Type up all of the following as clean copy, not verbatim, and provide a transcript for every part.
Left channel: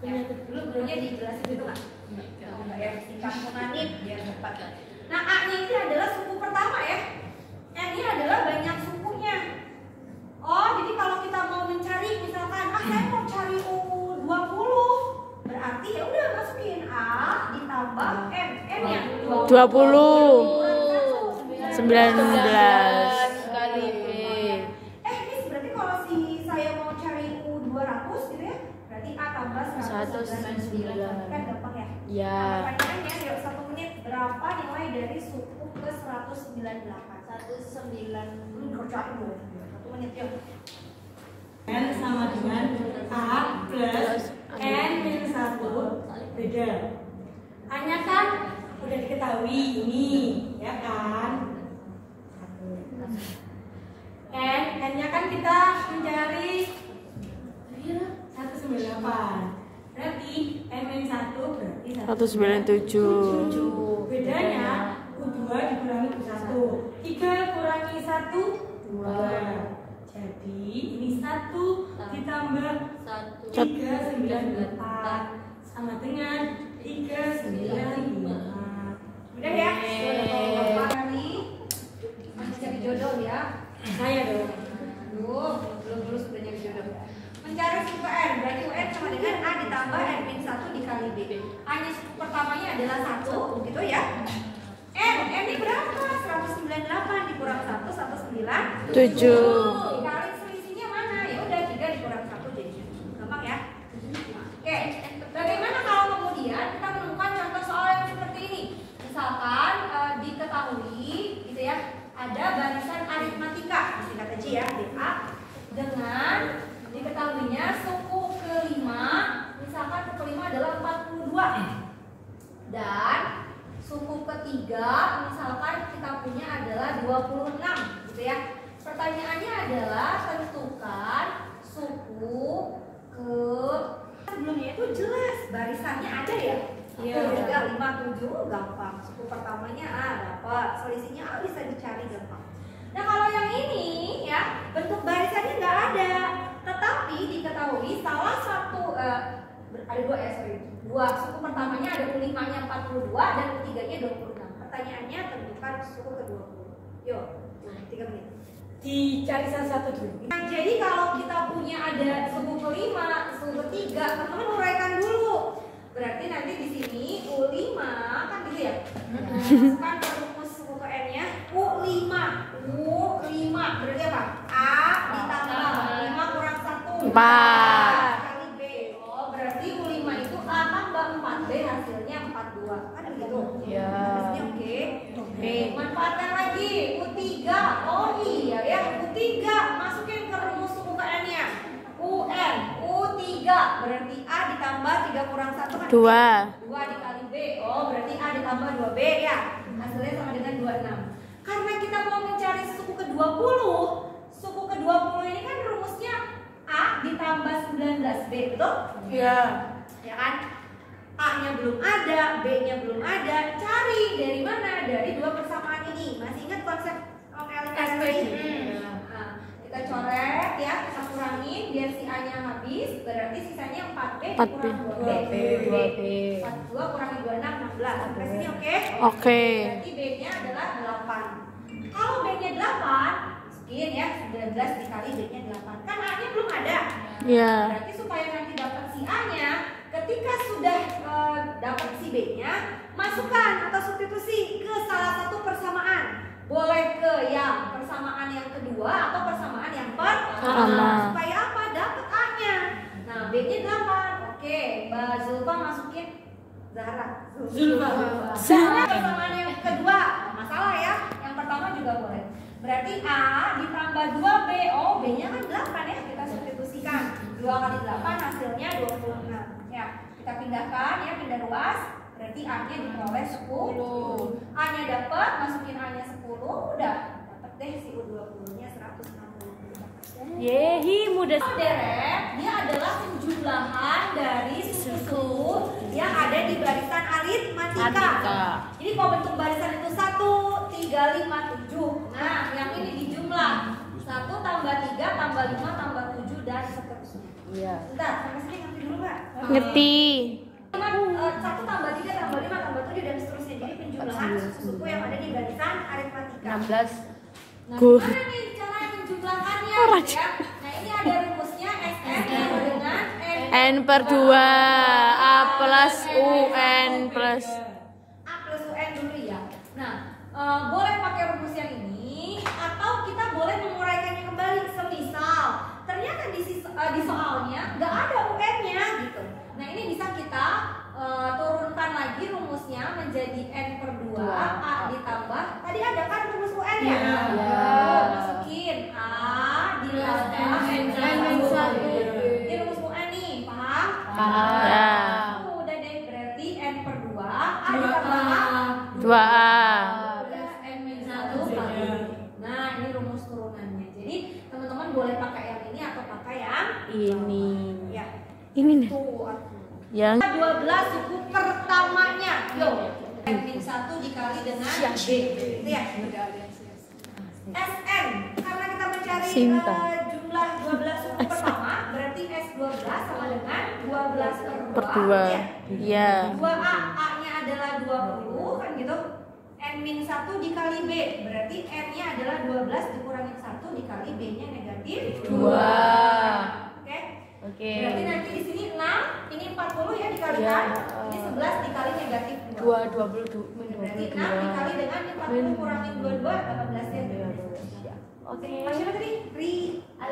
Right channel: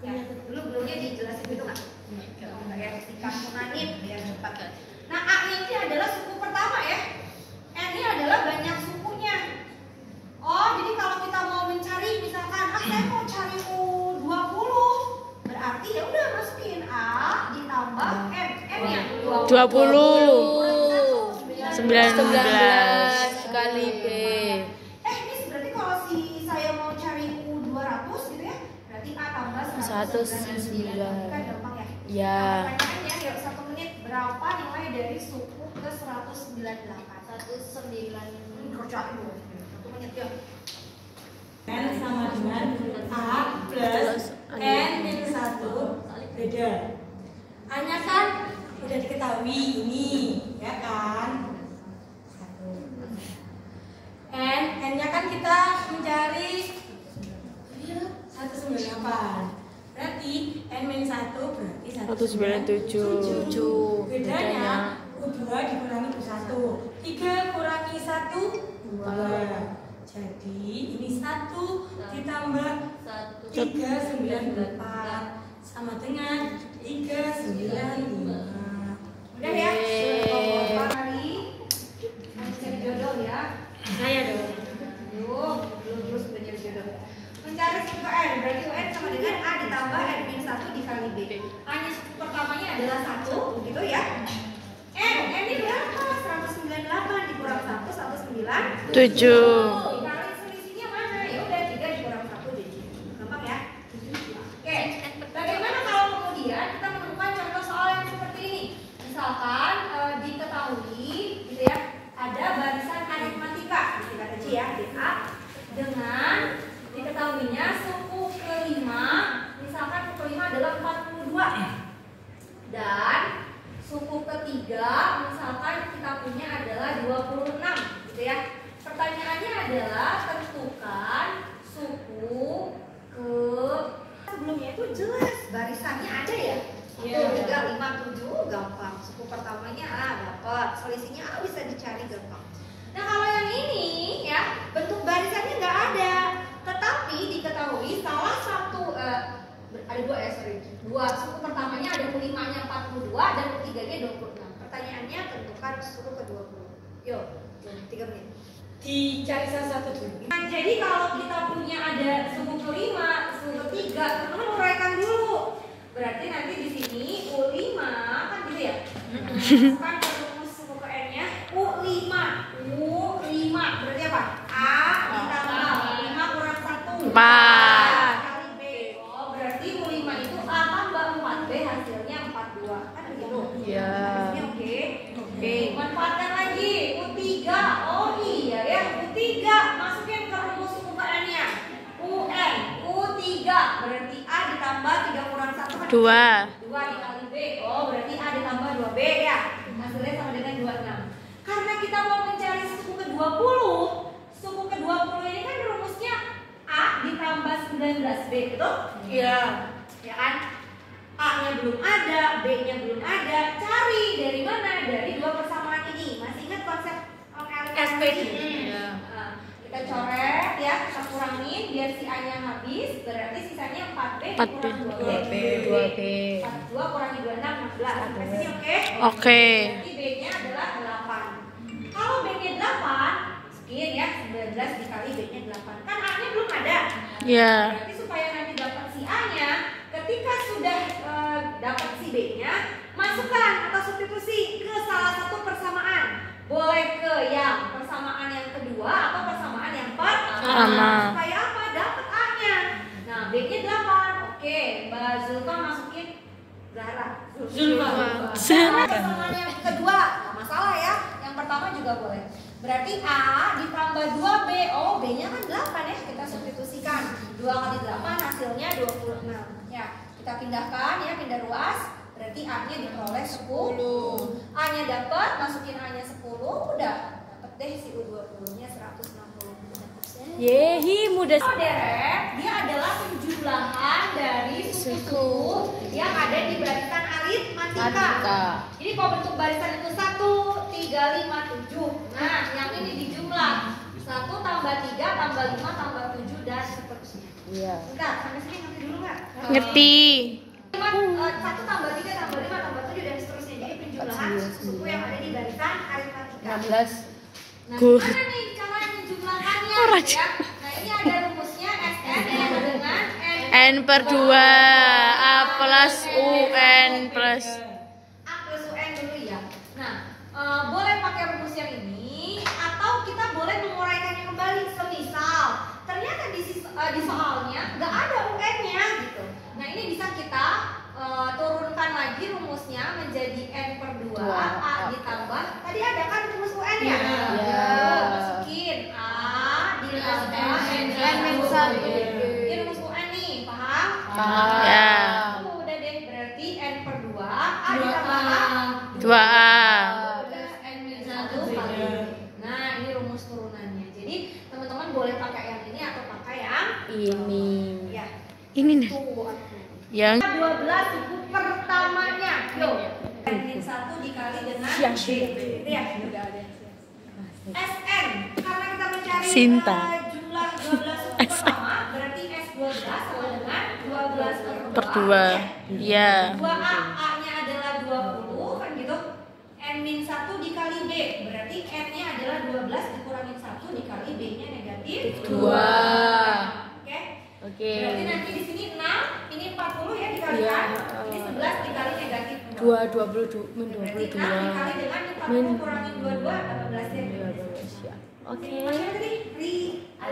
Ya, dulu belumnya dijelasin gitu nggak? Ya, sikat-menanit biar cepat. Nah, A-nya ini adalah suku pertama ya. N-nya adalah banyak sukunya. Oh, jadi kalau kita mau mencari misalkan saya mau cari U20, berarti ya udah masukin A ditambah N. N yang 20 19 kali B. Ini berarti kalau saya mau cari U200 gitu ya, berarti A tambah 199. Kan gampang ya? Ya. Nah, pertanyaannya yuk 1 menit berapa nilai dari suku ke 198? 19. Kerjain dulu. 1 menit yuk. N sama dengan A plus N minus 1 beda. A-nya kan udah diketahui ini, ya kan? N-nya kan kita mencari 198. Berarti N minus 1 berarti 197. Bedanya U2 dikurangi U1. 3 kurangi 1 2. Jadi ini 1 ditambah 394 sama dengan 395. Udah ya? Sudah hari harus cari jodoh ya. Saya dong. Belum sudah cari jodoh. Mencari suku N, berarti UN sama dengan A ditambah N min 1 dikali B. A-nya suku pertamanya adalah 1, gitu ya. N ini berapa? 198 dikurang 1, 197. Dikali selisihnya mana? Ya udah 3 dikurang 1 jadi. Gampang ya? Oke. Bagaimana kalau kemudian kita menemukan contoh soal yang seperti ini? Misalkan diketahui gitu ya, ada barisan aritmatika, disingkat aja ya, DA, dengan diketahuinya suku kelima, misalkan suku kelima adalah 42 dan suku ketiga misalkan kita punya adalah 26 gitu ya. Pertanyaannya adalah tentukan suku ke sebelumnya itu jelas barisannya ada ya. 1, 3, 5, 7 gampang. Suku pertamanya A dapat, selisihnya A bisa dicari gampang. Nah kalau yang ini ya bentuk barisannya nggak ada, tetapi diketahui salah satu ada dua suku pertamanya ada U5-nya 42 dan U3-nya 26. Pertanyaannya tentukan suku ke-20. Yuk, 3 menit. Dicari salah satu dulu. Nah, jadi kalau kita punya ada suku kelima, suku ketiga, teman-teman uraikan dulu. Berarti nanti di sini U5 kan gitu ya. Kan rumus suku ke N-nya U5 berarti apa? A ditambah 5 kurang 1 4 kali B. Oh, berarti U5 itu A tambah 4B hasilnya 42. Kan begitu? Iya. Habisnya oke. Manfaatkan lagi U3. Oh iya ya, U3 masukin ke rumus suku ke N-nya. UN U3 berarti A ditambah 3 kurang 1 kan 2 dikali B. Oh berarti A ditambah 2B ya. Hasilnya sama dengan 26. Karena kita mau mencari suku ke-20, suku ke-20 ini kan rumusnya A ditambah 19B, betul? Iya. Ya kan? A-nya belum ada, B-nya belum ada. Cari dari mana? Dari dua persamaan ini. Masih ingat konsep LSB ini? Nah, kita coret ya, kita kurangin biar si A-nya habis. Berarti sisanya 4B kurang 2B. 42 kurangi 26, 16. Sampai sini oke? Oke. Berarti B-nya adalah 8. Kalau B-nya 8, sekian ya, 19 dikali B-nya 8. Kan A-nya belum ada. Iya. Berarti supaya nanti dapat si A-nya, ketika sudah dapat si B-nya, masukkan atau substitusi ke salah satu persamaan. Boleh ke yang persamaan yang kedua atau persamaan yang pertama. Supaya apa? Dapat A-nya. Nah, B-nya 8. Oke, Mbak Zulfa masukin Zahra. Zulfa. Persamaan yang kedua, nggak masalah ya. Yang pertama juga boleh. Berarti A ditambah 2B. Oh, B-nya kan 8 ya. Kita substitusikan. 2 kali 8 hasilnya 26. Ya, kita pindahkan ya, pindah ruas. Berarti A-nya diperoleh 10. A-nya dapat, masukin A-nya 10, udah dapat deh si U20-nya 160. Yehi, mudah. Deret, dia adalah penjumlahan dari suku-suku yang ada di barisan aritmatika. Jadi kalau bentuk barisan itu 1, 3, 5, 7. Nah, yang ini dijumlah 1 tambah 3 tambah 5 tambah 7 dan seterusnya. Iya. Bentar, sampai sini ngerti dulu nggak? Ngerti. Satu tambah 3 tambah 5 tambah 7 dan seterusnya. Jadi penjumlahan suku-suku yang ada di barisan aritmatika. 16. Nah, Gur. gimana nih cara menjumlahkannya? Orang. Ya? Nah, ini ada rumusnya SN sama dengan N per 2 A plus UN plus A plus UN dulu ya. Nah, boleh pakai rumus yang ini atau kita boleh menguraikannya kembali. Semisal ternyata di soalnya nggak ada UN-nya gitu. Nah, ini bisa kita turunkan lagi rumusnya menjadi N per 2 A ditambah tadi ada kan rumus UN ya? Tuh, masukin A ditambah N-1. Ini rumus UN nih, paham? ya Udah deh, berarti N per 2 A ditambah A 2A. udah N-1 kali. Nah, ini rumus turunannya. Jadi teman-teman boleh pakai yang ini atau pakai yang Ini. ya. Ini nih Tuh. yang 12 suku pertamanya. Yo. N-1 dikali dengan B. Gitu ya. SN karena kita mencari Sinta. Jumlah 12 suku pertama berarti S12 sama dengan 12 per 2. Ya. 2A, A-nya adalah 20 kan gitu. N-1 dikali B berarti N-nya adalah 12 dikurangi 1 dikali B-nya negatif 2. Oke. Oke. Berarti nanti di sini 6, ini 40 ya dikalikan. Ini 11 dikali negatif 2. 22. Berarti 6 dikali dengan 40 kurangi 22 18 ya. Oke. Masih ada tadi?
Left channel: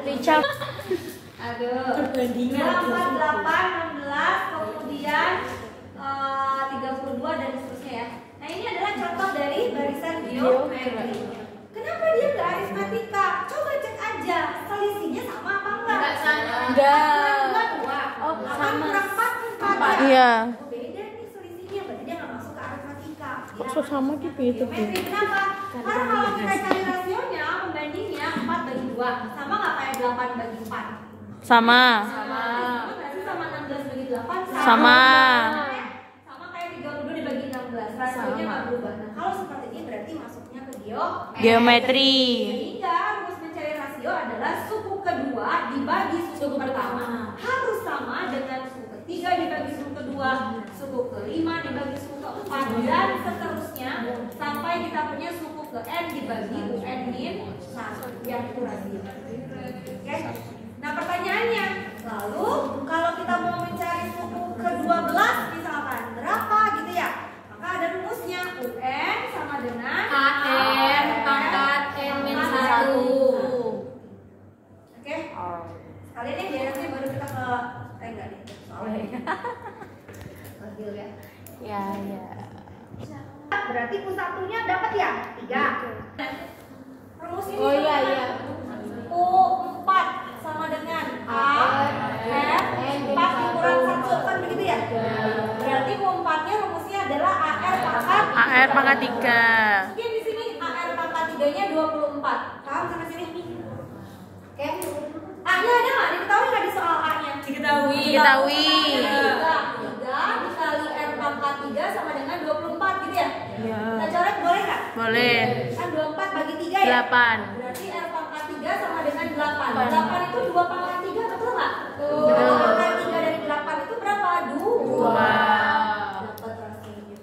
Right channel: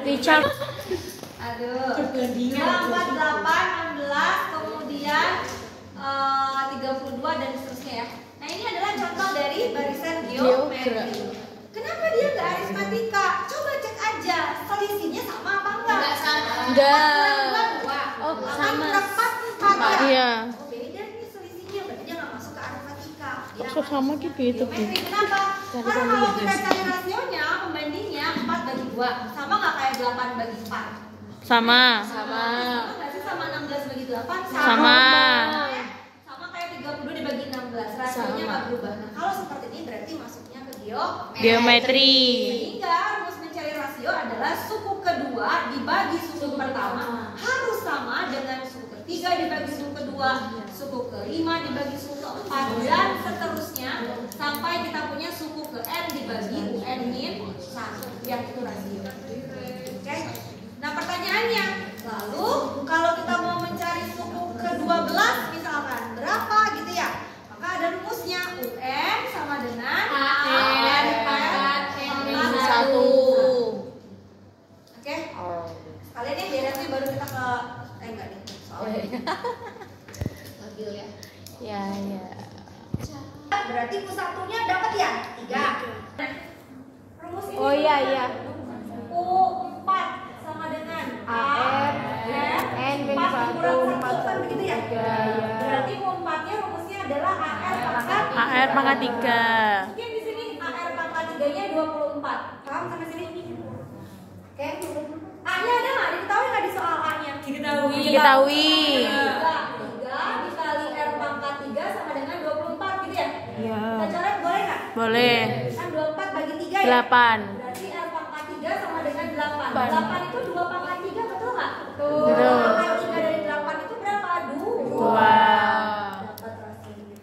Richard. Aduh. 2, 4, 8, 16, kemudian 32 dan seterusnya ya. Nah, ini adalah contoh dari barisan geometri. Kenapa dia nggak aritmatika? Coba cek aja selisihnya sama apa enggak? Enggak. 4 Oh, 8 sama. kurang 4 4 ya. Iya. Oh, beda nih selisihnya, berarti dia nggak masuk ke aritmatika. Dia Kok sama masuk gitu ke itu, Bu? geometri. Kenapa? Karena kalau kita cari rasionya, pembandingnya 4 bagi 2 sama nggak kayak 8 bagi 4? Sama. Sama nggak sih sama 16 bagi 8? Sama. Sama kayak 30 dibagi 16, rasionya nggak berubah. Nah, kalau seperti ini berarti masuknya ke Geometri. Sehingga rumus mencari rasio adalah suku kedua dibagi suku pertama harus sama dengan suku ketiga dibagi suku kedua, suku kelima dibagi suku keempat dan seterusnya sampai kita punya suku ke N dibagi UN min 1 yang itu rasio. Oke? Nah, pertanyaannya, lalu kalau kita mau mencari suku ke-12 misalkan berapa gitu ya? Maka ada rumusnya UN sama dengan AN pangkat N-1. Oke? Sekalian deh beresnya baru kita ke enggak nih soalnya. Labil ya. Ya, ya. Berarti U1-nya dapat ya? 3. Rumus ini Oh, iya, iya. U4 sama dengan AR N 4 kurang 1 kan begitu ya? Berarti U4-nya rumusnya adalah AR pangkat AR pangkat 3. Mungkin di sini AR pangkat 3-nya 24. Paham sampai sini? Oke. A-nya ada nggak? Diketahui nggak di soal A-nya? Diketahui. Diketahui. 3 dikali R pangkat 3 sama dengan 24 gitu ya? Iya. Kita coret boleh nggak? Boleh. Kan 24 bagi 3 ya? 8. Berarti R pangkat 3 sama dengan 8. 8 itu 2 pangkat 3, betul nggak? Betul. 2 pangkat 3 dari 8 itu berapa? 2. Dapat rasionya.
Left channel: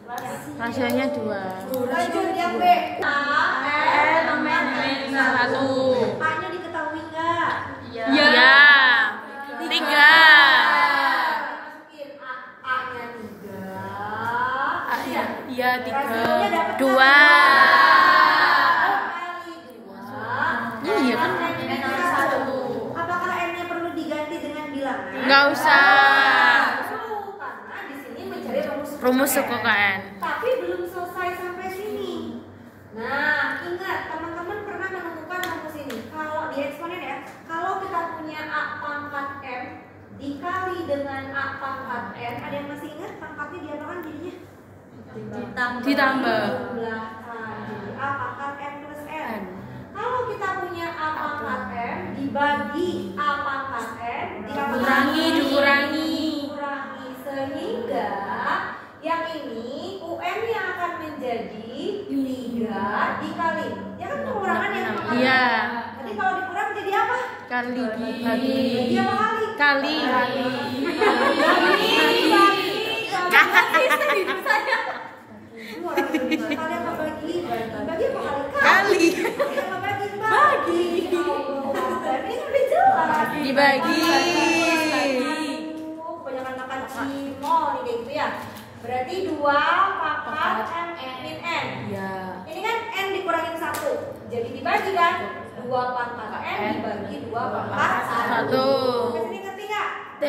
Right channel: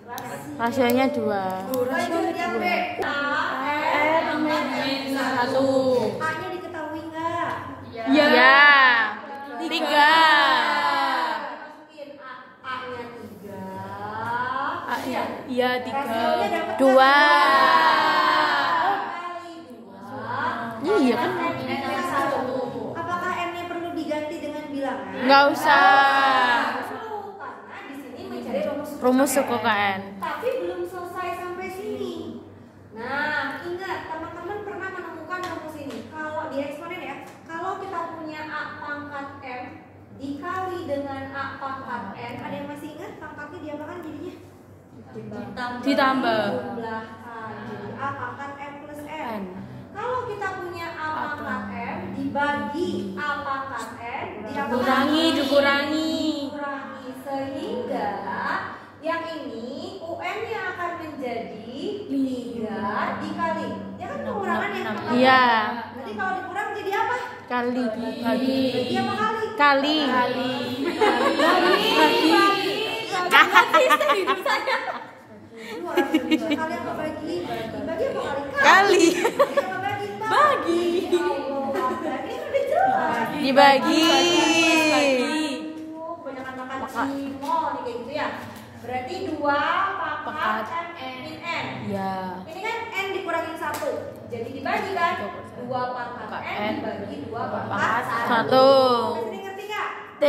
Hasilnya 2. Lanjut yang B. A, R, pangkat N1. A-nya diketahui nggak? Ya. 3. Masukin A-nya 3. Iya. Iya, Rasionya dapat 2. Iya kan apakah N-nya perlu diganti dengan bilangan? Nggak usah. Karena di sini mencari Rumus suku KN. Tapi belum selesai sampai sini. Nah, ingat teman-teman pernah menemukan rumus ini. Kalau di eksponen ya, kalau kita punya A pangkat M dikali dengan A pangkat N, ada yang masih ingat pangkatnya diapakan jadinya? Ditambah. Jumlahkan. Jadi A pangkat M plus N. Kalau kita punya A pangkat M dibagi A pangkat N Dikurangi. sehingga yang ini UN-nya akan menjadi 3 dikali. Ya kan pengurangan yang pangkat. Iya. Nanti kalau dikurang jadi apa? Kali. Jadi apa kali? Kali. Kali. bagi 0 nih kayak gitu ya. Berarti 2 pangkat M min N. Ya. Ini kan N dikurangin 1. Jadi dibagi kan? 2 pangkat N dibagi 2 pangkat 1. 1. Sampai sini ngerti nggak? T.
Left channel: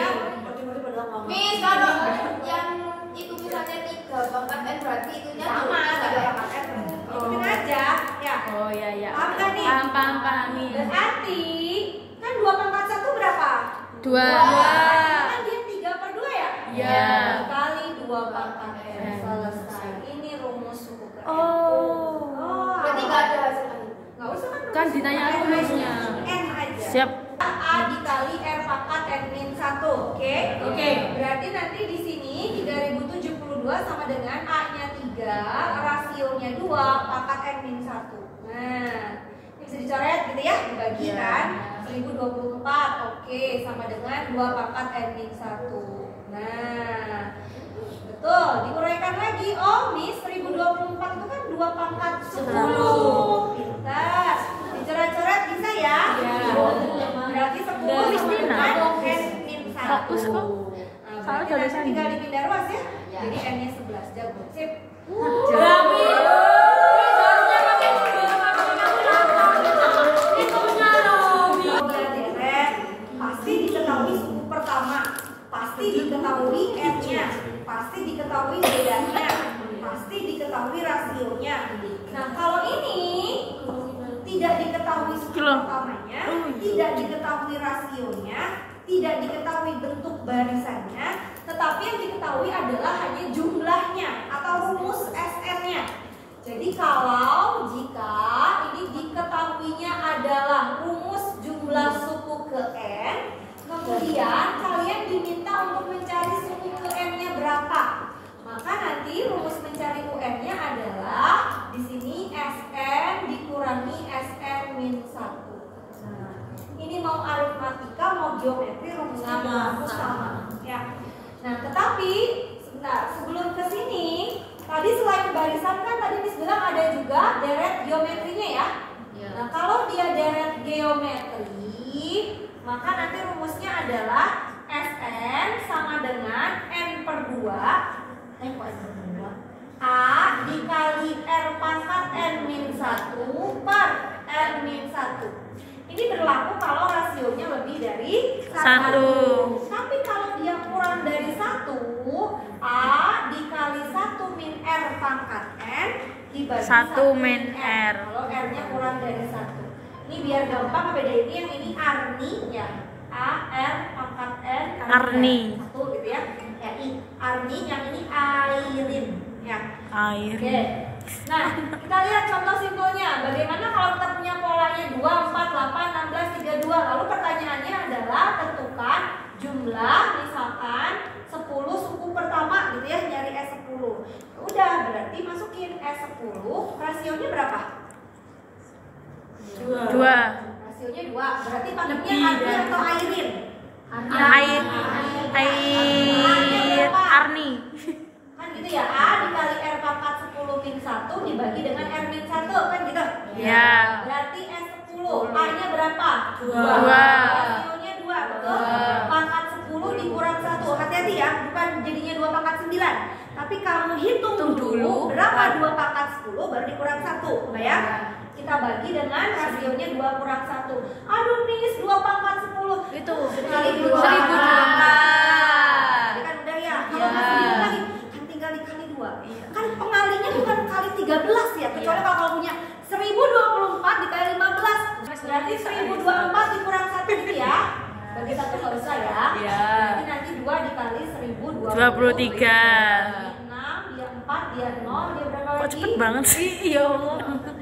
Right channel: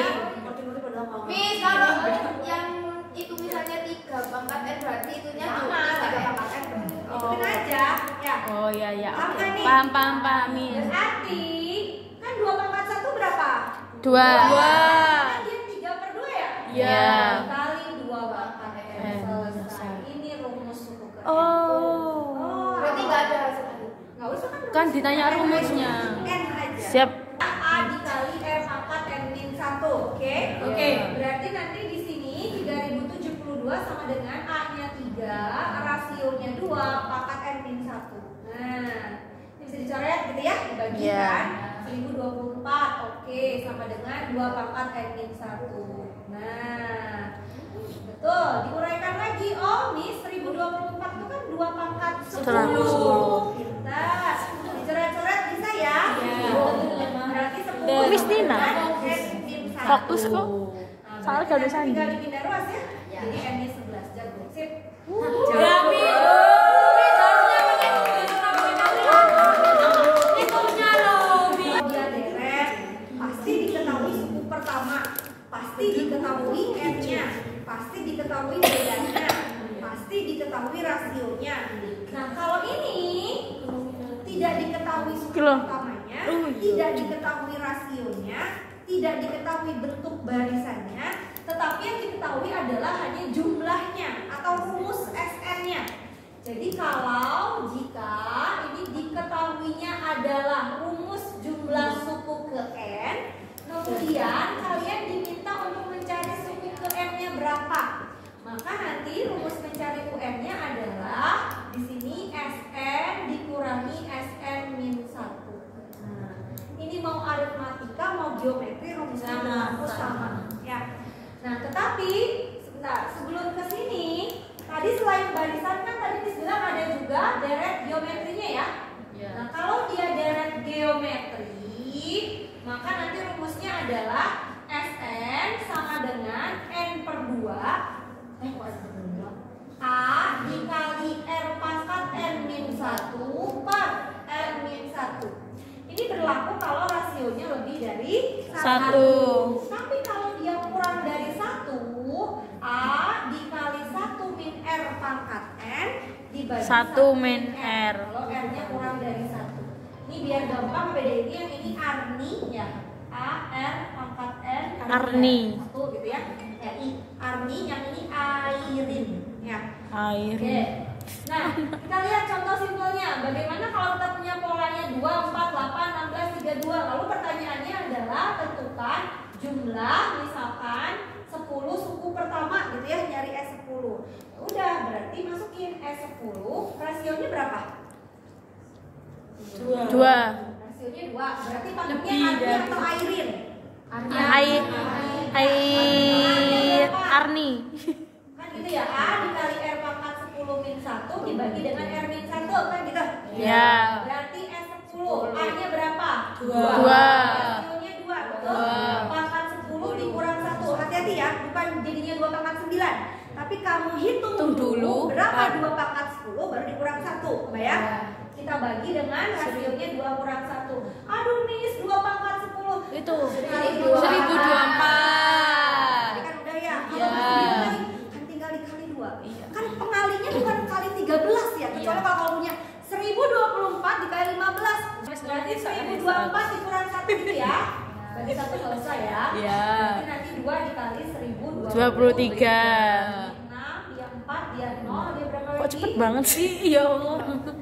Ya, ngerti-ngerti padahal nggak ngerti. Miss, kalau yang itu misalnya 3 pangkat N berarti itunya Sama, 3 pangkat N. Ikutin aja. Ya. Oh iya iya. Paham kan nih? Paham Miss. Berarti kan 2 pangkat 1 berapa? 2. Kan dia 3/2 ya? Iya. Kali 2 pangkat N. Selesai. Ini rumus suku ke N. Oh. Berarti nggak ada hasil tadi. Nggak usah kan? Kan ditanya rumusnya. N aja. Siap. A dikali R pangkat N min 1. Oke? Oke. Berarti nanti di sini 3072 sama dengan A-nya 3, rasionya 2, pangkat N min 1. Nah, ini bisa dicoret gitu ya, dibagi Iya. kan? 1024. Oke, sama dengan 2 pangkat N min 1. Nah, betul, diuraikan lagi. Oh, Miss, 1024 itu kan 2 pangkat 10. Pintar. Dicoret-coret bisa ya? Iya. Berarti 10 Miss sama Tina. dengan N min 1. Fokus kok. Nah, Soalnya berarti gak bisa nanti tinggal ini. dipindah ruas ya. Jadi N-nya 11. Jago. Sip. Ya, Miss. Miss harusnya pakai kalkulator gitu. Hitungnya loh, Miss. Kalau dia deret, pasti diketahui suku pertama, pasti diketahui N-nya, pasti diketahui bedanya, pasti diketahui rasionya. Nah, kalau ini tidak diketahui suku pertamanya, tidak diketahui rasionya, tidak diketahui bentuk barisannya, tetapi yang diketahui adalah hanya jumlahnya atau rumus SN-nya. Jadi kalau jika ini diketahuinya adalah rumus jumlah suku ke N, kemudian kalian diminta untuk mencari suku ke N-nya berapa. Maka nanti rumus mencari UN-nya adalah di sini SN dikurangi SN min 1. Nah, ini mau aritmatika mau geometri rumusnya berlaku sama. Ya. Nah, tetapi sebentar sebelum ke sini tadi selain barisan kan tadi Miss bilang ada juga deret geometrinya ya. Nah, kalau dia deret geometri, maka nanti rumusnya adalah SN sama dengan N/2 A dikali R pangkat N min 1 per N min 1. Ini berlaku kalau rasionya lebih dari 1. Tapi kalau dia kurang dari 1, A dikali 1 min R pangkat N dibagi 1 min R. Kalau R-nya kurang dari 1. Ini biar gampang bedainnya, yang ini Arni ya. A R pangkat N Arni. 1 gitu ya. I Arni, yang ini Airin ya. Air. Oke. Nah, kita lihat contoh simpelnya. Bagaimana kalau kita punya polanya 2, 4, 8, 16, 32. Lalu pertanyaannya adalah tentukan jumlah misalkan 10 suku pertama gitu ya, nyari S10. Udah, berarti masukin S10. Rasionya berapa? 2. Rasionya 2. Berarti panggilnya Arni atau Airin? Arni. Kan gitu ya, A dikali R pangkat 10 min 1 dibagi dengan R min 1 kan gitu? Ya. Berarti S10, A-nya berapa? 2. Rasionya 2, betul? Pangkat 10 dikurang 1. Hati-hati ya, bukan jadinya 2 pangkat 9. Tapi kamu hitung dulu berapa 2 pangkat 10 baru dikurang 1. Kebayang? Kita bagi dengan rasionya 2 kurang 1. Aduh Miss, 2 pangkat 10 Itu kali 2. 1008. Tadi kan udah ya. Kalau masih bingung lagi, kan tinggal dikali 2. Kan pengalinya bukan kali 13 ya. Kecuali kalau kamu punya 1024 dikali 15. Berarti 1024 dikurang 1 gitu ya. Bagi 1 nggak usah ya. Berarti nanti 2 dikali 1023. 23. 6, dia 4, dia 0, dia berapa lagi? Kok cepet banget sih? Iya.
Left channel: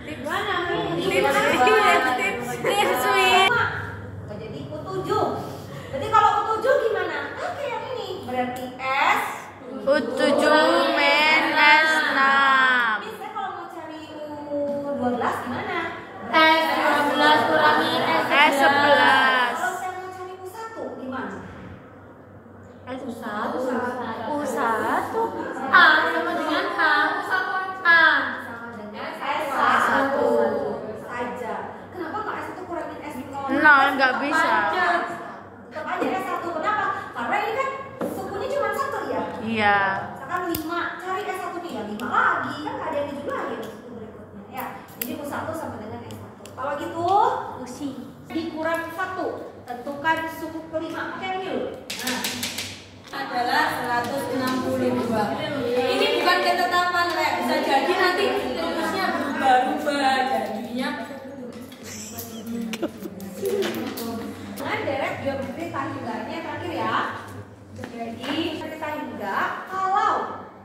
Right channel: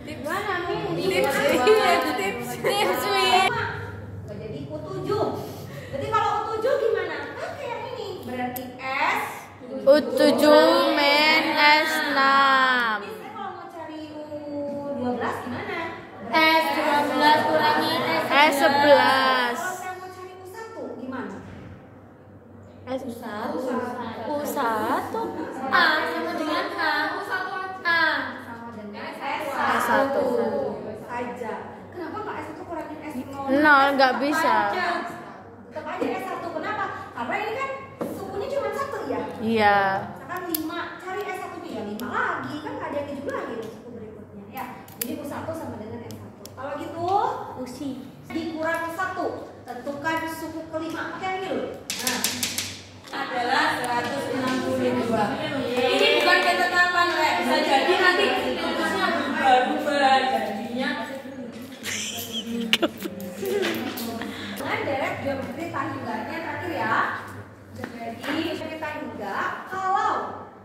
Gimana? Tips. Nggak jadi U7. Berarti kalau U7 gimana? Pakai yang ini. Berarti S U7 min S6. Misalnya kalau mau cari U12 gimana? S12 kurangi S11. S11. Kalau saya mau cari U1 gimana? U1 A sama dengan A. A. Sama dengan S1 saja. Kenapa nggak S1 kurangin S0? Nol, nggak bisa. Tetap aja S1. Kenapa? Karena ini kan Iya. Misalkan 5, cari S1 nya ya 5 lagi, kan nggak ada yang dijumlah lagi berikutnya ya. Jadi U1 sama dengan S1. Kalau gitu, dikurang 1, tentukan suku kelima. Pakai yang ini loh. Nah, adalah 162. Ini bukan ketetapan, Lek. Bisa jadi nanti rumusnya berubah-ubah jadinya. dengan deret geometri tahingganya terakhir ya. Jadi cerita hingga kalau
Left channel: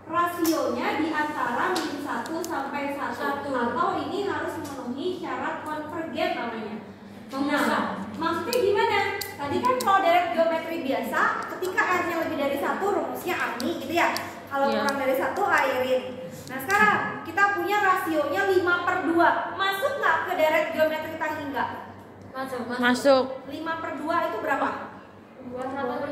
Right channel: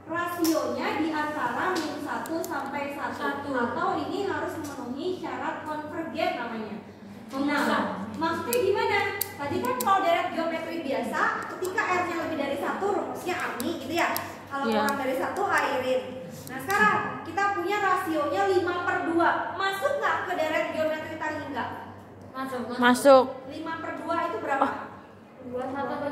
rasionya di antara -1 sampai 1 atau ini harus memenuhi syarat konvergen namanya. Nah, maksudnya gimana? Tadi kan kalau deret geometri biasa, ketika R-nya lebih dari 1, rumusnya AMI gitu ya. Kalau kurang dari 1, airin. Nah sekarang kita punya rasionya 5/2. Masuk nggak ke deret geometri tahingga? Masuk. 5/2 itu berapa? 1/2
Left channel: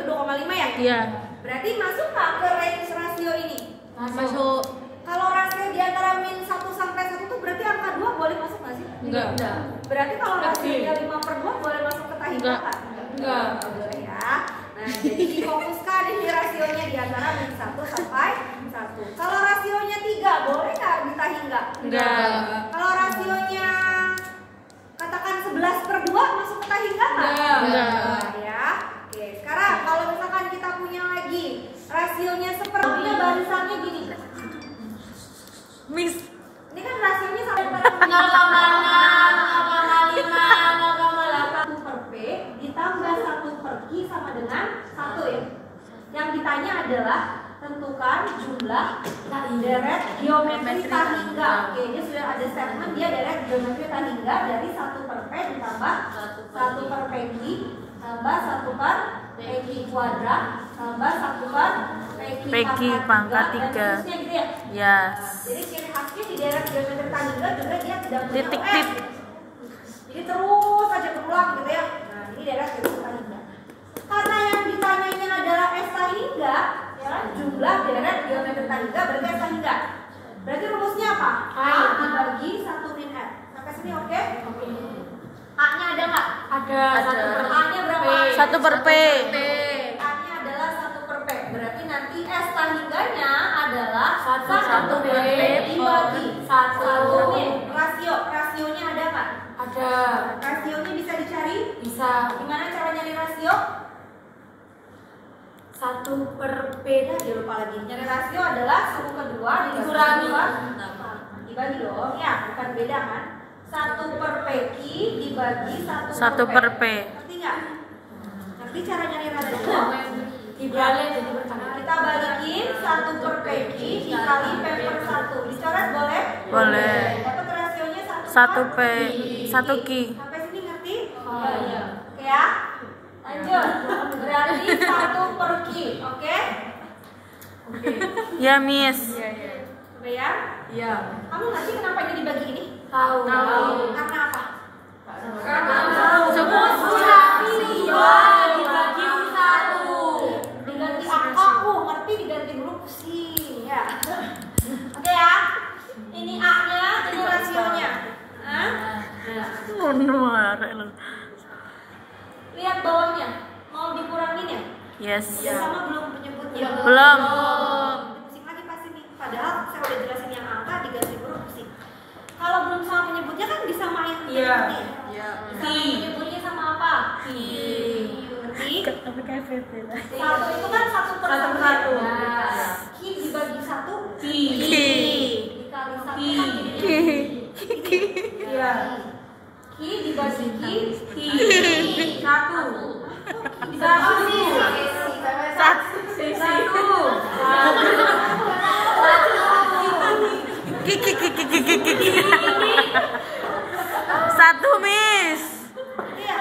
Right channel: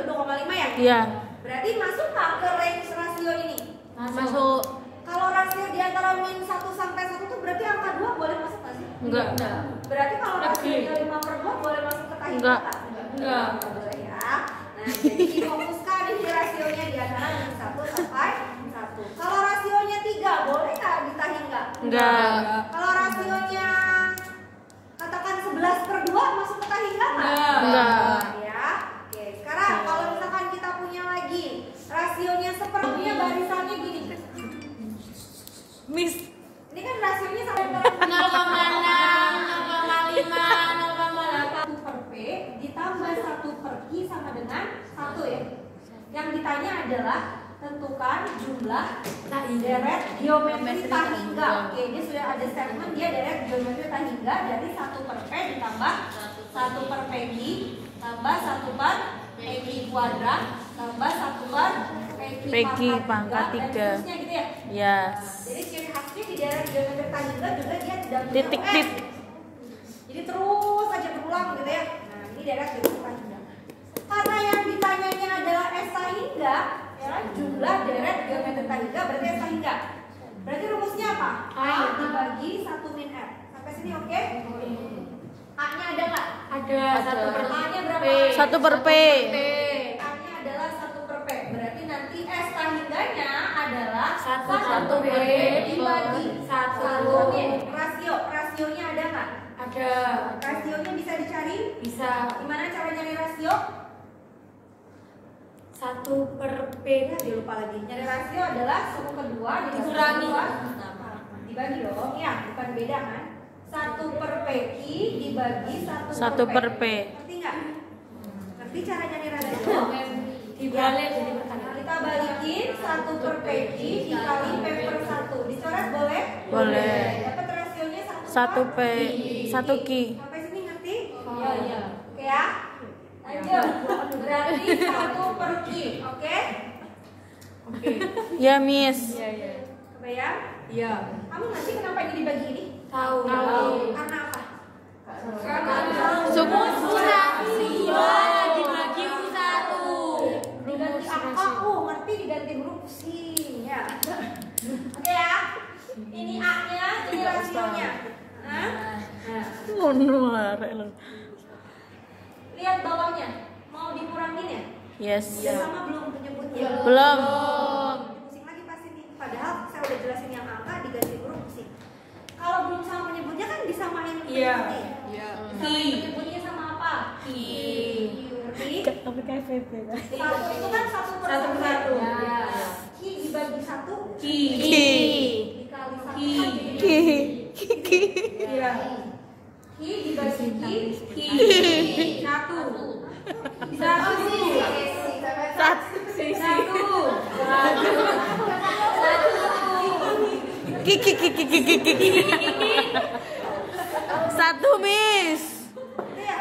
itu 2,5 ya? Iya. Berarti masuk nggak ke range rasio ini? Masuk. Kalau rasio di antara -1 sampai 1 itu berarti angka 2 boleh masuk nggak sih? Enggak. Berarti kalau rasionya 5/2 boleh masuk ke tahingga kan? Enggak. Boleh ya. Nah, jadi difokuskan ini rasionya di antara -1 sampai 1. Kalau rasionya 3 boleh nggak di tahingga? Enggak. Kalau rasionya katakan 11/2 masuk ke tahingga nggak? Enggak. Ya. Oke, sekarang kalau misalkan kita punya lagi rasionya sepertinya barisannya gini. Miss. Ini kan rasionya sampai pada 0,6, 0,5, 0,8. 1/P ditambah 1/Q sama dengan 1 ya. Yang ditanya adalah tentukan jumlah deret geometri tahingga. Oke, ini sudah ada statement dia deret geometri tahingga dari 1/P ditambah 1/PQ tambah 1/PQ kuadrat tambah 1/PQ pangkat dan 3. seterusnya gitu ya. Yes. Jadi ciri khasnya di daerah geometri tahingga juga dia tidak punya Titik OS. Jadi terus aja berulang gitu ya. Nah, ini daerah geometri tahingga. Karena yang ditanyanya adalah S tahingga, ya kan? Jumlah deret geometri tahingga berarti S tahingga. Berarti rumusnya apa? A dibagi 1 min R. Sampai sini oke? A-nya ada nggak? Ada. A-nya berapa? 1/P. A-nya adalah 1/P. Berarti nanti S tahingganya adalah 1/P dibagi 1 min. Rasionya ada nggak? Ada. Rasionya bisa dicari? Bisa. Gimana cara nyari rasio? 1/P. Ya, dia lupa lagi. Nyari rasio adalah suku kedua Dikurangi. dibagi dong, ya, bukan beda kan? 1/PQ dibagi 1/P. Ngerti nggak? Ngerti cara nyari rasio? Dibalik jadi bertambah. Kita balikin 1/PQ dikali P/1. Dicoret boleh? Boleh. Dapat rasionya 1P. 1Q. Sampai sini ngerti? Iya. Oke ya. Lanjut. Berarti 1/Q. Oke? Ya, Miss. Kebayang? Iya. Kamu ngerti kenapa ini dibagi ini? Tahu. Karena apa? Rumus rasio dibagi 1. Diganti angka, ngerti diganti huruf pusing ya. Oke ya. Ini A-nya, ini rasionya. Hah? Lihat bawahnya. Mau dikurangin ya? Yes. Udah sama belum penyebutnya? Belum. Pusing lagi pasti nih. Padahal saya udah jelasin yang angka diganti huruf pusing. Kalau belum sama penyebutnya kan disamain penyebutnya. Sama penyebutnya sama apa? Ngerti? Tapi kayak PT. Satu itu kan 1/1. Q dibagi 1 dikali 1 kan jadi Iya. Q dibagi Q 1, Miss. Iya.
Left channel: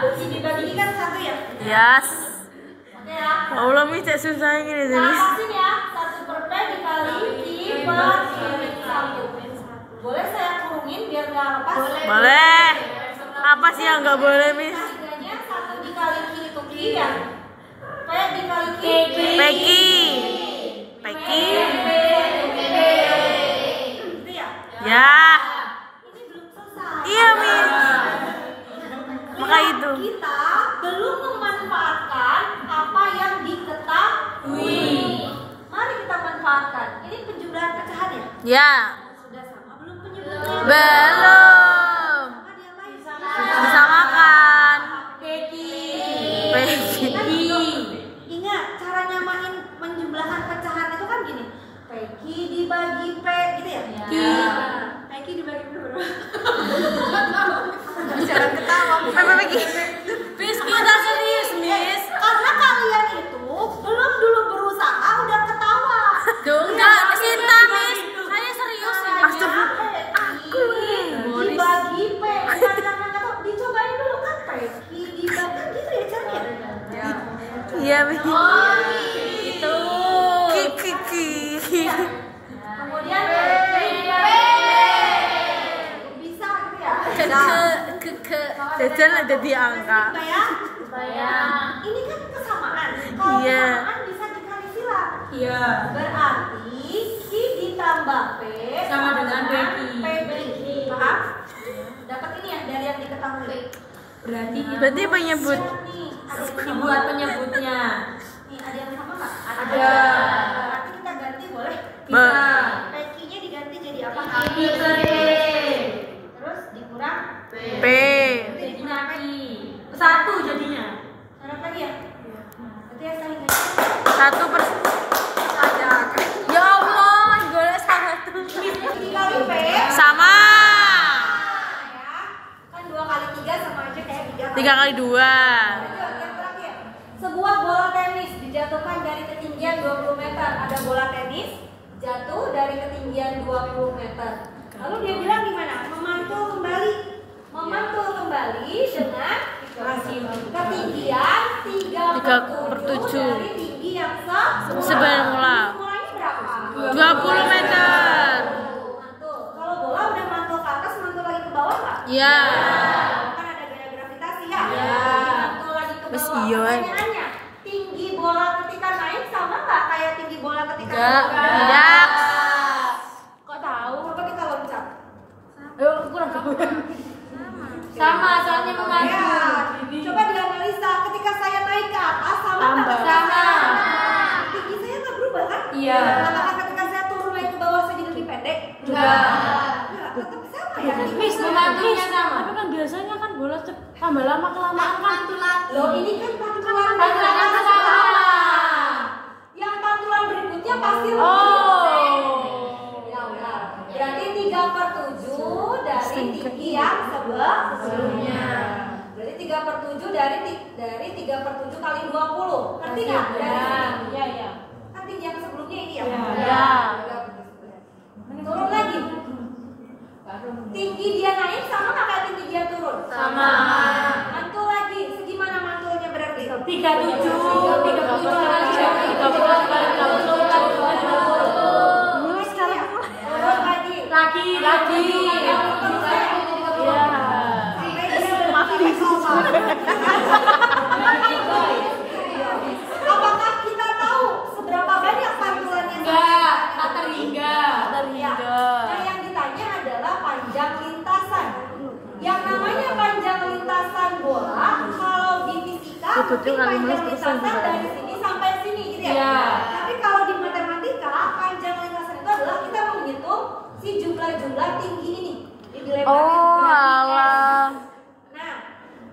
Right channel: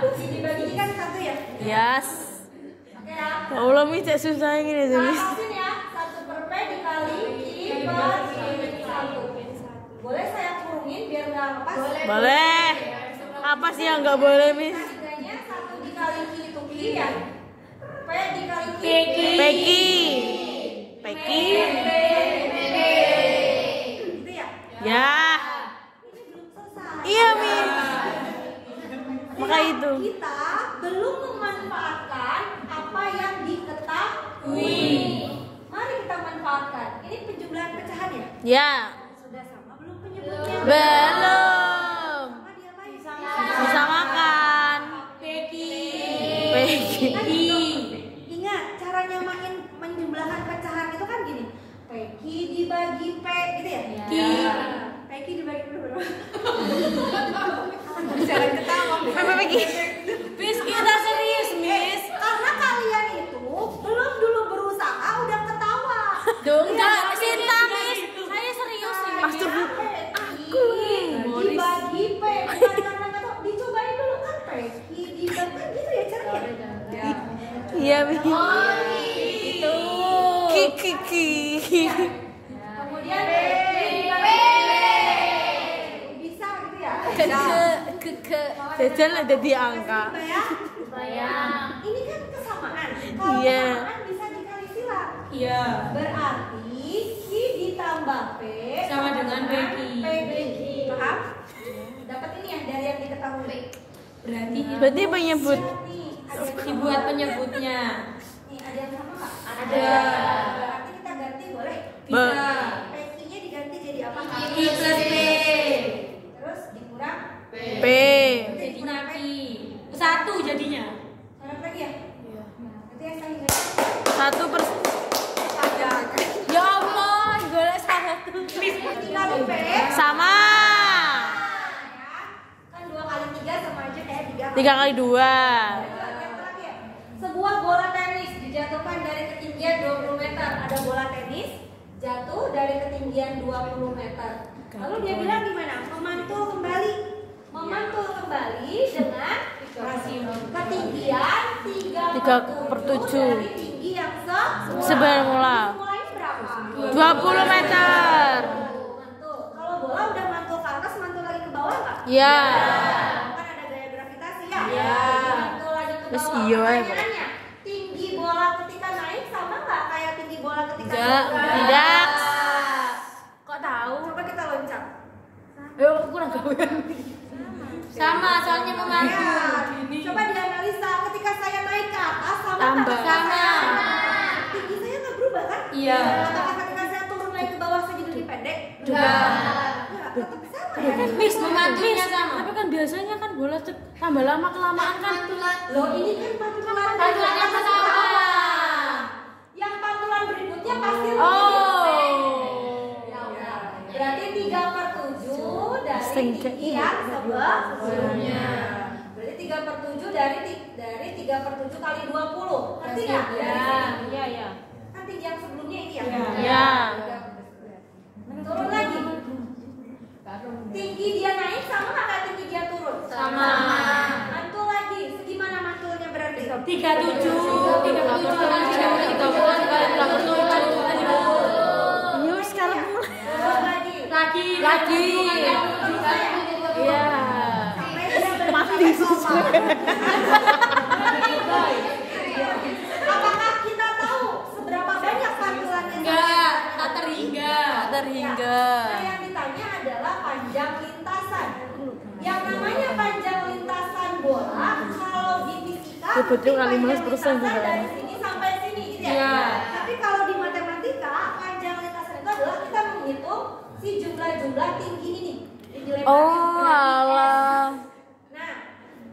Q dibagi I kan 1 ya? Yes. Oke ya. Allah, Miss, cek susah ini Nah, tulis. pasin ya. 1/P dikali Q/1. Boleh saya kurungin biar nggak lepas? Boleh. Apa sih yang nggak boleh, Miss? Harganya 1 dikali Q itu Q ya? P dikali Q. Peki. Peki. Gitu ya? Ya. Ini belum selesai. Iya, Miss. Maka Lihat, itu. kita belum memanfaatkan apa yang Ya. Sudah sama belum penyebutnya? Belum. Sama dia apa? Disamakan. Peki. Ingat cara nyamain menjumlahkan pecahan itu kan gini. Peki dibagi P gitu ya? Peki dibagi P berapa? Jangan ketawa. Peki. Miss, kita serius, Miss. Karena kalian itu belum dulu berusaha udah ketawa. Enggak, Sinta, Miss. Saya serius ini. Aku dibagi P. Jangan dicobain dulu kan Peki dibagi gitu ya caranya. Iya, Mi. Itu. Kiki. Kemudian bisa gitu ya. Jajan ada di angka. Bayang. Ini kan kesamaan. Kalau Iya. kesamaan bisa dikali sila. Iya. Berarti Ki ditambah P Sama dengan Peki. Peki. Paham? Dapat ini ya dari yang diketahui. Berarti penyebut. Nih, ada yang sama. Dibuat penyebutnya. Nih, ada yang sama nggak? Ada. Berarti kita ganti boleh? Bisa. Pekinya diganti jadi apa? Ki plus P. Terus dikurang P. Jadi naki. Satu jadinya. syarat lagi ya? Berarti ya saya ingat. 1/. Ya Allah, golek satu. Dikali P Sama. ya. Kan 2 kali 3 sama aja kayak 3 3 kali 2. Yang terakhir, sebuah bola tenis dijatuhkan dari ketinggian 20 meter. Ada bola tenis jatuh dari ketinggian 20 meter. Lalu dia bilang gimana? Memantul kembali dengan ketinggian 3/7 dari tinggi yang Semula. mulainya berapa? 20 meter. Mantul. Kalau bola udah mantul ke atas, mantul lagi ke bawah nggak? Iya. Kan ada gaya gravitasi ya? Iya. Mantul lagi ke Mas, bawah. iya. Pertanyaannya, tinggi bola ketika naik sama nggak kayak tinggi bola ketika Enggak. turun? Tidak. Kok tahu? Coba kita loncat. Ayo kurang gawean. Sama, soalnya Ya, memantul. coba dianalisa ketika saya naik ke atas sama nggak? Tambah. Sama. Tinggi saya nggak berubah kan? Iya. Apakah ketika saya turun naik ke bawah saya jadi lebih pendek? Enggak. Nggak, tetap sama ya. Miss, memantunya sama. Tapi kan biasanya kan bola tambah lama kelamaan kan. Loh, ini kan pantulan Pantulannya sama. Yang pantulan berikutnya pasti lebih Oh. Ya benar. Berarti 3/7 dari tinggi yang sebelumnya. Berarti 3/7 dari 3/7 kali 20. Ngerti nggak? Dari sini. Iya. Kan tinggi yang sebelumnya ini ya. Iya. Turun lagi. Tinggi dia naik sama nggak kayak tinggi dia turun? Sama. Mantul lagi. Segimana mantulnya berarti? 37 Mulai sekarang turun lagi. lagi. Iya. Sampai dia berarti apakah kita tahu seberapa banyak pantulan yang Enggak, tak terhingga. Nah, yang ditanya adalah panjang lintasan. Yang namanya panjang lintasan bola, kalau di fisika, Betul, kali panjang nulis terusan lintasan juga. dari sini sampai sini, gitu ya. Iya. Tapi kalau di matematika, panjang lintasan itu adalah kita menghitung si jumlah-jumlah tinggi ini. Dilebarin Oh, berarti S. alah. Nah,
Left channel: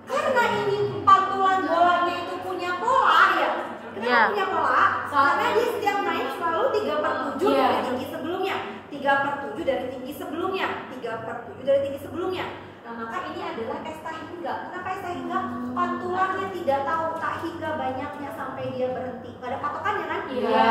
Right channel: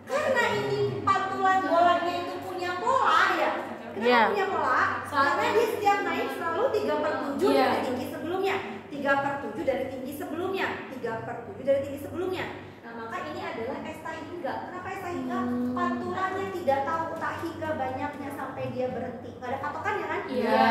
karena ini pantulan bolanya itu punya pola ya. Kenapa Iya. punya pola? Karena dia setiap naik selalu 3/7 Iya. dari tinggi sebelumnya. 3/7 dari tinggi sebelumnya. 3/7 dari tinggi sebelumnya. Nah, maka ini adalah S tahingga. Kenapa S tahingga? Pantulannya tidak tahu tak hingga banyaknya sampai dia berhenti. Gak ada patokannya kan? Iya.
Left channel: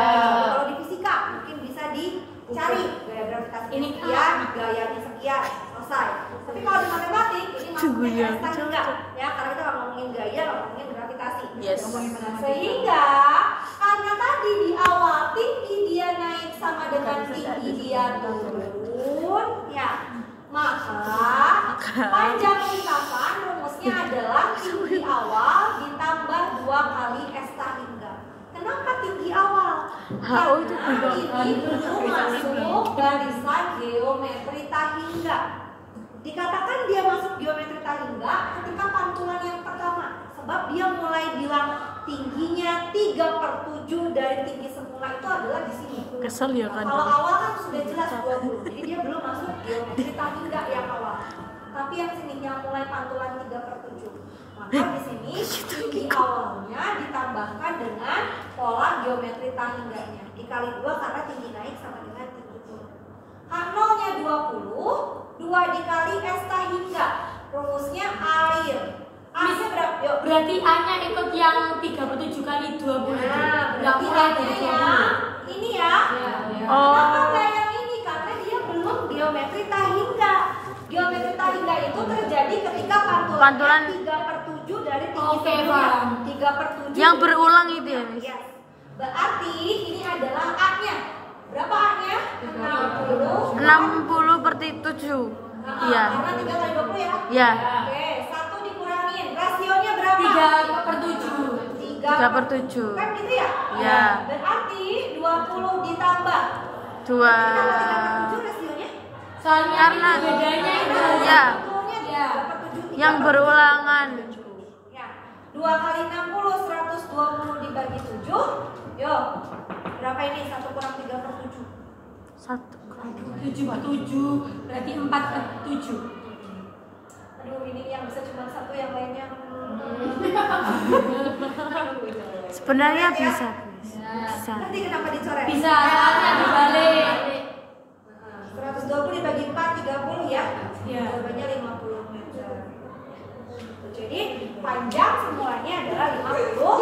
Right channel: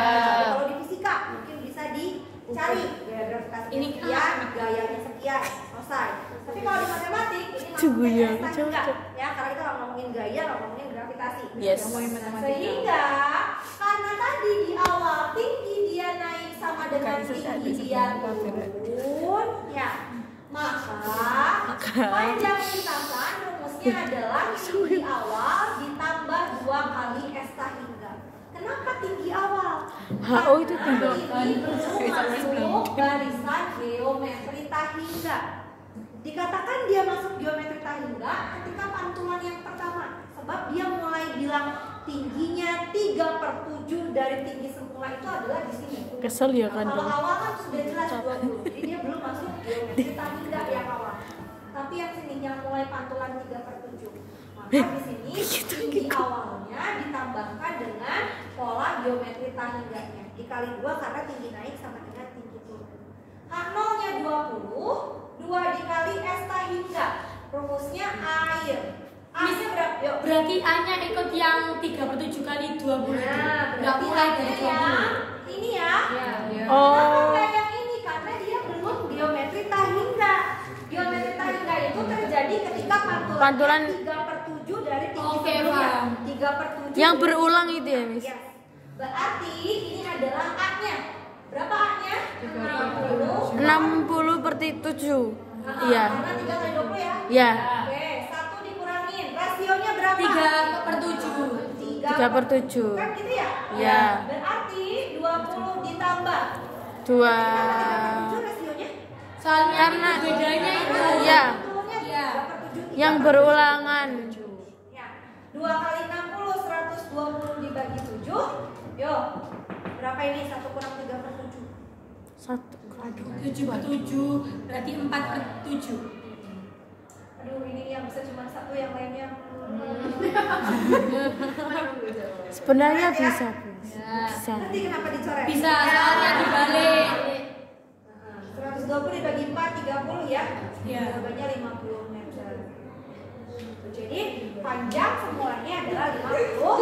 Kalau di fisika mungkin bisa dicari gaya gravitasi Ini sekian, gayanya sekian, selesai. Tapi kalau di matematik ini masuknya S tahingga. Ya, karena kita nggak ngomongin gaya, nggak ngomongin gravitasi. Yes. Sehingga karena tadi di awal tinggi dia naik sama dengan tinggi dia turun, ya. Maka panjang lintasan rumusnya adalah tinggi awal ditambah 2 kali S tahingga. Kenapa tinggi awal? Oh, itu Karena ini belum masuk barisan geometri tahingga. Dikatakan dia masuk geometri tahingga ketika pantulan yang pertama Sebab dia mulai bilang tingginya 3/7 dari tinggi semula itu adalah di sini. Kesel ya kan? Kalau awal kan sudah jelas 20, jadi dia belum masuk geometri tahingga yang awal. Tapi yang sini yang mulai pantulan 3/7. Maka di sini tinggi awalnya ditambahkan dengan pola geometri tahingganya. Dikali 2 karena tinggi naik sama dengan tinggi turun. H0-nya 20, 2 dikali S tahingga. Rumusnya air. A-nya berapa? Yuk. Berarti A-nya ikut yang 3/7 kali 20. Nah, Nggak berarti mulai A-nya dari ya 20. ini ya. Oh. Kenapa nggak yang ini? Karena dia belum geometri tahingga. Geometri tahingga itu terjadi ketika pantulan 3/7 dari tinggi Oke, sebelumnya. paham. 3/7 Yang berulang itu ya, Miss? Yes. Berarti ini adalah A-nya. Berapa A-nya? 60. 60/7. Iya. Karena 3 kali 20 ya? Ya. Oke, 1 dikurangin. Rasionya berapa? 3/7. 3/7. Kan gitu ya? Iya. Berarti 20 ditambah. 2. Kenapa 3/7 rasionya? Soalnya Karena bedanya itu. ya, Betulnya Ya. 3/7. yang berulangan. Ya. 2 kali 60 120 dibagi 7. Yo. Berapa ini? 1 kurang 3/7. 1. 7/7 berarti 4/7. Aduh, ini yang bisa cuma satu, yang lainnya. Sebenarnya bisa, Miss. Bisa. Ngerti kenapa dicoret? Bisa, soalnya dibalik. 120 dibagi 4 30 ya. Ya. Jawabannya 50 meter. Jadi panjang semuanya adalah 50